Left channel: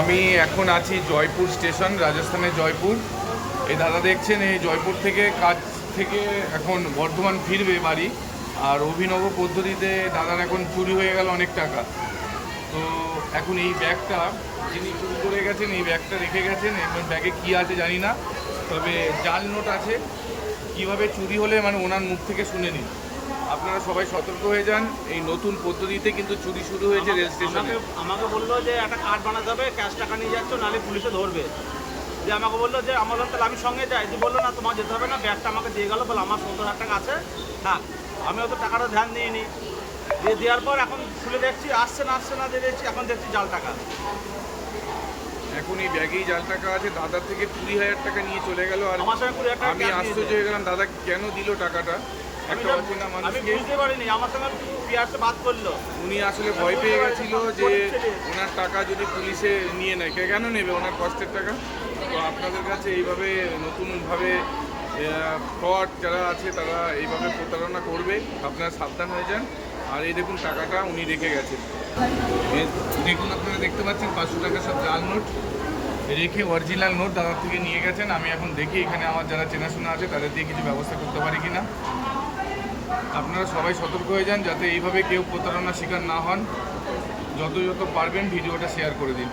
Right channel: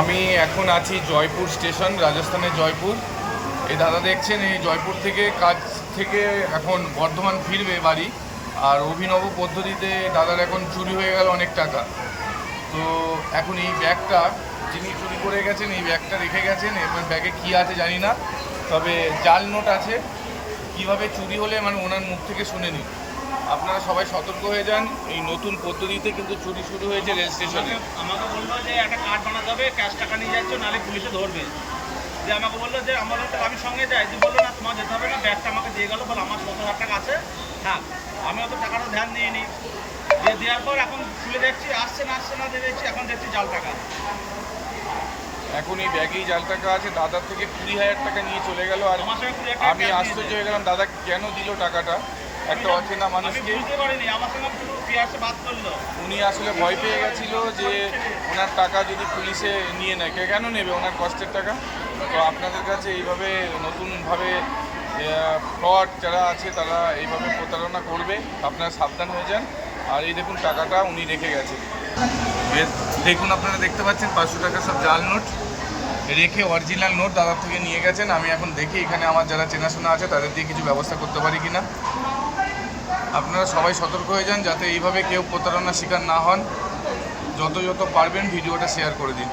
আমি এখন আছি জয়পুর স্টেশন, রাজস্থানের জয়পুর। এই দাদা দেখছেন, এই জয়পুর থেকে কাজ থেকে এখন বর্ধমান ফিরবে বাড়ি। আর অভিনব পদ্ধতিতে দাদার এখন চুরি হয়ে গেল অনেক টাকা। তো এখন এই ব্যাগটা যিনি চুরি করে গেছেন, এই ব্যাগটা রেখে গেছেন। এবার ব্যাগে কী আছে জানি না, তবে জাল নোট আছে। কিভাবে চুরি হলে মানে ওনার মুখ থেকে শুনে নিন। আপনারা সবাই সতর্ক হয়ে যান, এই নতুন পদ্ধতিতে কিন্তু চুরি শুরু হয়েছে রেল স্টেশনে। আমাকে বললো যে একটা কার্ড বানাতে হবে, ক্যাশ টাকা নিয়ে যাচ্ছ নাহলে পুলিশে ধরবে। যে আমাকে বললো যে আমার তাহলে আমি সঙ্গে যাই, যে বললো না তোমার যেতে হবে না, ব্যাগটা আমাকে দিয়ে গেলো, বলে আমার 70,000 টাকা আছে থাক। আমি অত টাকাটা ধ্যান দিইনি, দিয়ে দেওয়ার পর এখন খুলে দেখছি আসছে না দিয়ে দেখছি এখন দেখছি জাল টাকা। এখন এই ব্যাগেই জাল টাকা আছে। দাদার থেকে 20,000 টাকা নিয়ে চলে গেল। আর আমার সঙ্গে 20,000 টাকা আমি cash আশ্চর্য নিয়েছে। হয়ে গেলাম, দাদা কেন দিল টাকাটা একটা অচেনা আমি মানুষকে। বুঝতে পারিনি, আমার সঙ্গে শুধু পিয়ারসে বাদ করলো। উনি আসলে ভয় পেয়ে গেছিল যে ওনার টাকা যদি পুলিশে নিয়ে নেয়, কেন নেবে ওনার কষ্টের টাকা। তো আপনাদের কাছে এইভাবে নতুনভাবে ফ্রড যারা আছে তারা এইভাবে প্রতারণা করবে, আপনারা সাবধান হয়ে যান। আর এই দেখুন টাকাটা উনি রেখে গেছেন। দেখুন আপনারা দেখতে পাচ্ছেন 500 টাকা সব জাল নোট রেখে অরিজিনাল নোট দাদার থেকে নিয়ে গেছেন। আমি এখন দেখি এখানে আমার যারা চেনাশোনা আছে তাদের দিয়ে কিছু ব্যবস্থা করতে পারি কিনা। আপনারা সবাই সতর্ক হয়ে যান যাতে এইভাবে কেউ প্রতারণার শিকার না হন। যত পারবেন ভিডিওটা শেয়ার করে দিন।